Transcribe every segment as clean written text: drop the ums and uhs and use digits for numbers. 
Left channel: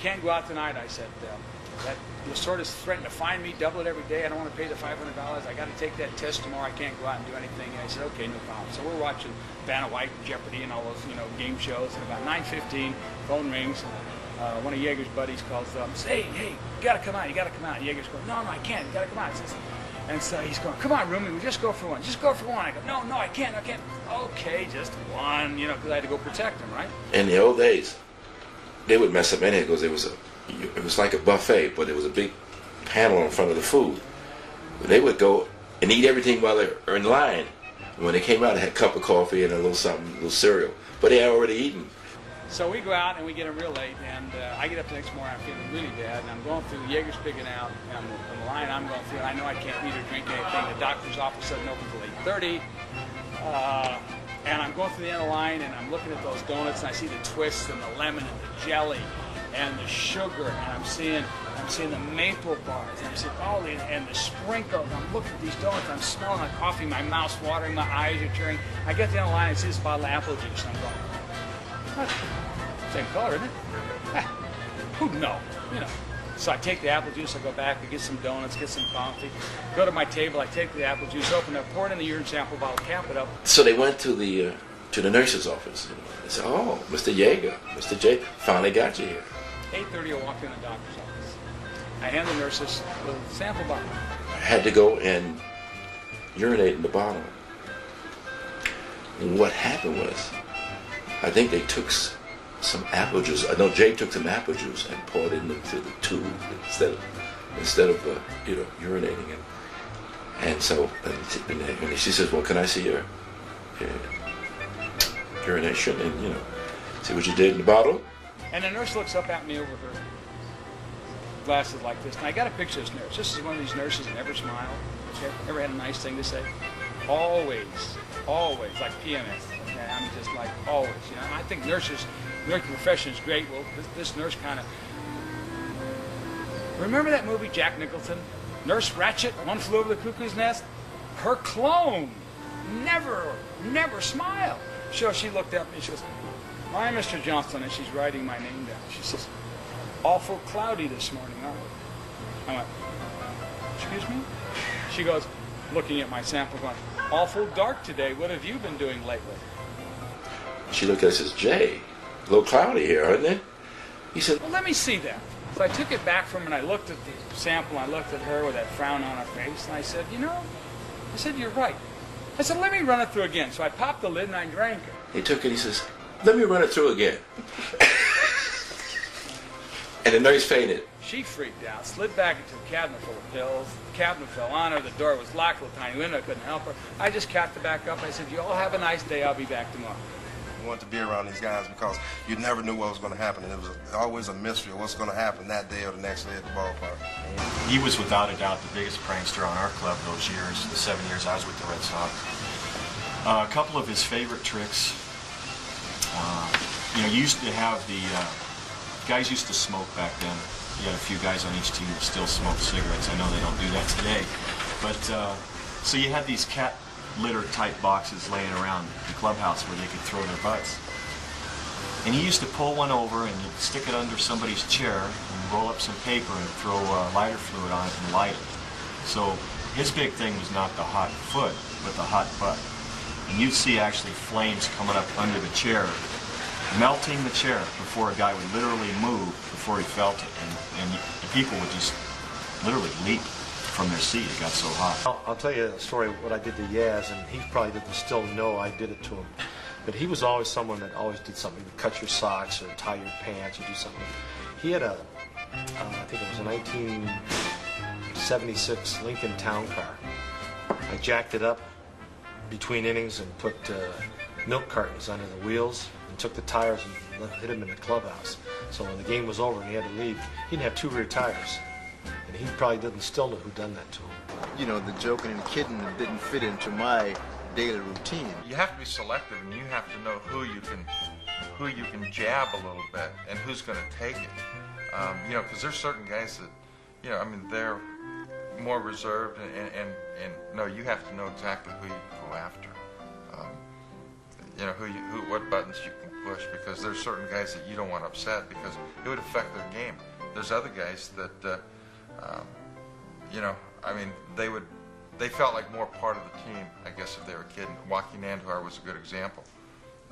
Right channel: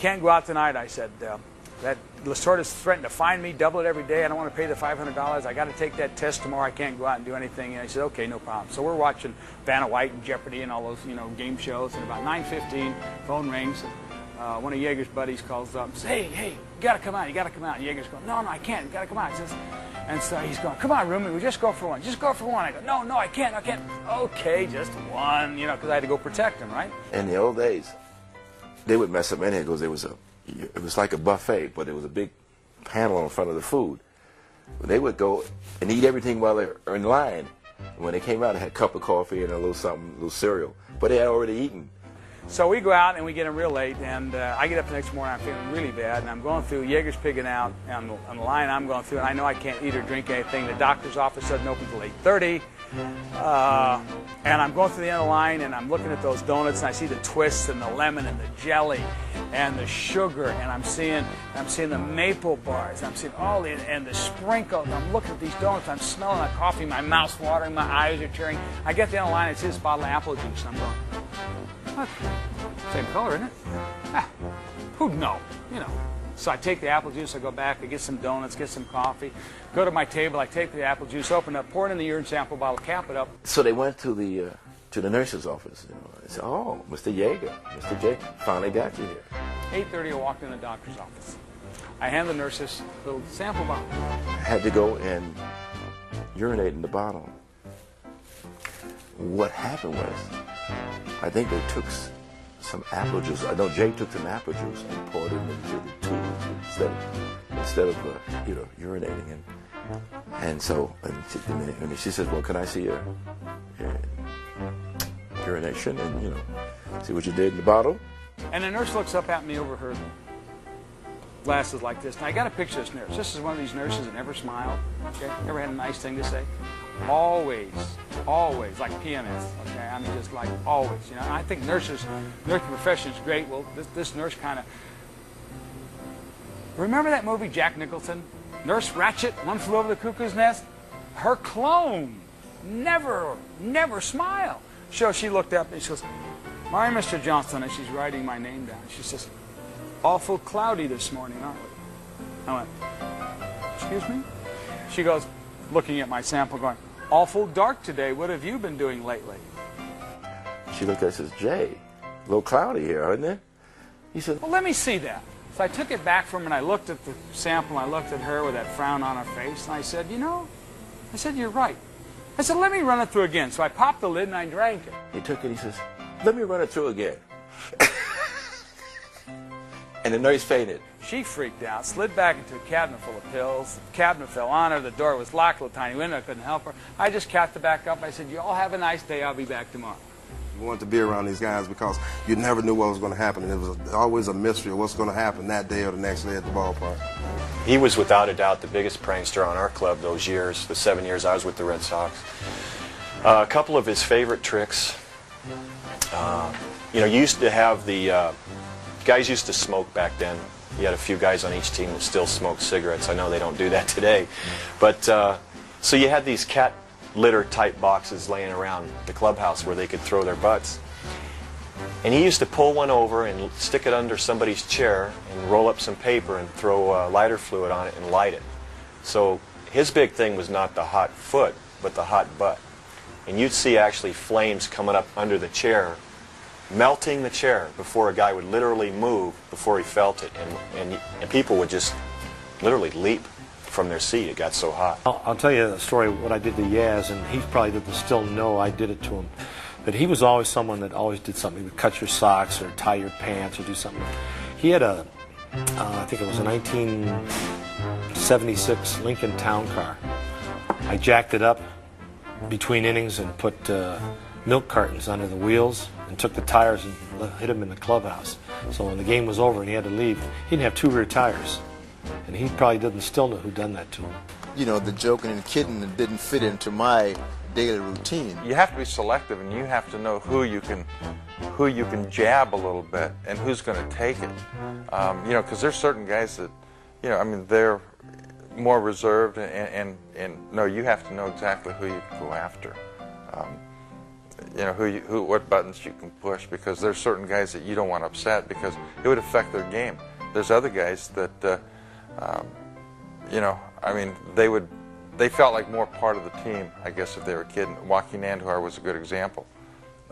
can't go out tonight. I said, that Lasorda's threatened to fine me, double it every day. I don't want to pay the $500. I got to take that test tomorrow. I can't go out and do anything. And I said, okay, no problem. So we're watching Vanna White and Jeopardy and all those, game shows. And about 9:15, phone rings. One of Yeager's buddies calls up and says, hey, you got to come out. You got to come out. And Yeager's going, no, I can't. You got to come out. And so he's going, come on, Roomie, we'll just go for one. Just go for one. I go, no, I can't. Okay, just one, because I had to go protect him, right? In the old days, they would mess up anything because it was like a buffet, but there was a big panel in front of the food. They would go and eat everything while they were in line. And when they came out, they had a cup of coffee and a little something, a little cereal. But they had already eaten. So we go out and we get him real late, and I get up the next morning, I'm feeling really bad, and I'm going through, Yeager's pigging out on the line I'm going through, and I know I can't eat or drink anything. The doctor's office doesn't open until 8:30, and I'm going through the end of the line, and I'm looking at those donuts, and I see the twists and the lemon and the jelly and the sugar, and I'm seeing the maple bars, I'm seeing all the, and the sprinkles. I'm looking at these donuts, I'm smelling the coffee, my mouth's watering, my eyes are tearing. I get to the end of the line, and I see this bottle of apple juice. I'm going, what? Same color, isn't it? Who'd know? So I take the apple juice, I go back, I get some donuts, get some coffee, go to my table, I take the apple juice, open it up, pour it in the urine sample bottle, cap it up. So they went to the nurse's office. They said, oh, Mr. Yeager, Mr. J, finally got you here. 8:30, I walked in the doctor's office. I hand the nurse this little sample bottle. I had to go and urinate in the bottle. And what happened was, I think they took some apple juice. I know Jay took some apple juice and poured it into the tube instead of urinating. And so and she says, well, can I see your urination and see what you did in the bottle? And the nurse looks up at me over her glasses like this. And I got a picture of this nurse. This is one of these nurses that never smiled. Never had a nice thing to say. Always, like PMS. Okay, I mean, just like always. I think nursing profession is great. Well, this nurse kind of. Remember that movie, Jack Nicholson, Nurse Ratched, One Flew Over the Cuckoo's Nest? Her clone never smiled. So she looked up and she goes, "My Mr. Johnstone," and she's writing my name down. She says, "Awful cloudy this morning, huh?" I went, "Excuse me?" She goes, looking at my sample, going, "Awful dark today. What have you been doing lately?" She looked at it and says, "Jay, a little cloudy here, isn't it?" He said, "Well, let me see that." So I took it back from her, and I looked at the sample, and I looked at her with that frown on her face, and I said, "You're right." I said, "Let me run it through again." So I popped the lid, and I drank it. He took it, he says, "Let me run it through again." And the nurse fainted. She freaked out, slid back into a cabinet full of pills. The cabinet fell on her. The door was locked, little tiny window. I couldn't help her. I just capped it back up. I said, "You all have a nice day. I'll be back tomorrow." We wanted to be around these guys because you never knew what was going to happen. It was always a mystery of what's going to happen that day or the next day at the ballpark. He was without a doubt the biggest prankster on our club those years, the 7 years I was with the Red Sox. A couple of his favorite tricks. You used to have the guys used to smoke back then. He had a few guys on each team who still smoked cigarettes. I know they don't do that today. But so you had these cat litter type boxes laying around the clubhouse where they could throw their butts. And he used to pull one over and stick it under somebody's chair and roll up some paper and throw lighter fluid on it and light it. So his big thing was not the hot foot, but the hot butt. And you'd see actually flames coming up under the chair, melting the chair before a guy would literally move before he felt it. And people would just literally leap from their seat. It got so hot. I'll tell you the story of what I did to Yaz, and he probably didn't still know I did it to him. But he was always someone that always did something. He would cut your socks or tie your pants or do something. He had a, I think it was a 1976 Lincoln Town Car. I jacked it up between innings and put milk cartons under the wheels and took the tires and hit him in the clubhouse. So when the game was over and he had to leave, he didn't have two rear tires. And he probably didn't still know who done that to him. The joking and kidding didn't fit into my daily routine. You have to be selective, and you have to know who you can jab a little bit and who's going to take it. Because there's certain guys that, they're more reserved, and no, you have to know exactly who you go after. you know, what buttons you can push, because there's certain guys that you don't want to upset because it would affect their game. There's other guys that, you know, I mean, they felt like more part of the team, I guess, if they were a kid. Joaquin Andujar was a good example.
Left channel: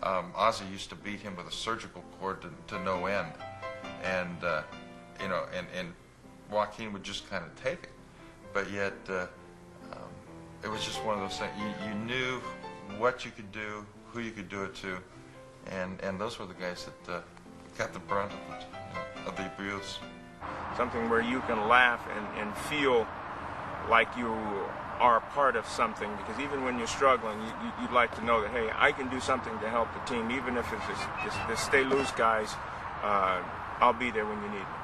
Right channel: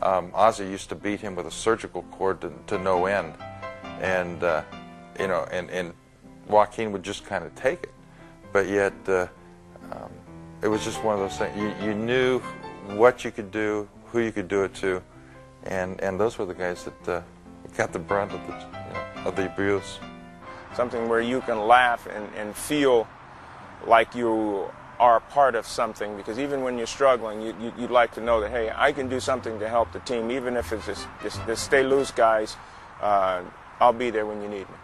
Ozzie used to beat him with a surgical cord to no end, and you know, and Joaquin would just kind of take it, but yet it was just one of those things. You knew what you could do, who you could do it to, and those were the guys that got the brunt of the abuse. Something where you can laugh and feel like you are a part of something, because even when you're struggling, you'd like to know that, hey, I can do something to help the team, even if it's just stay loose guys. I'll be there when you need me.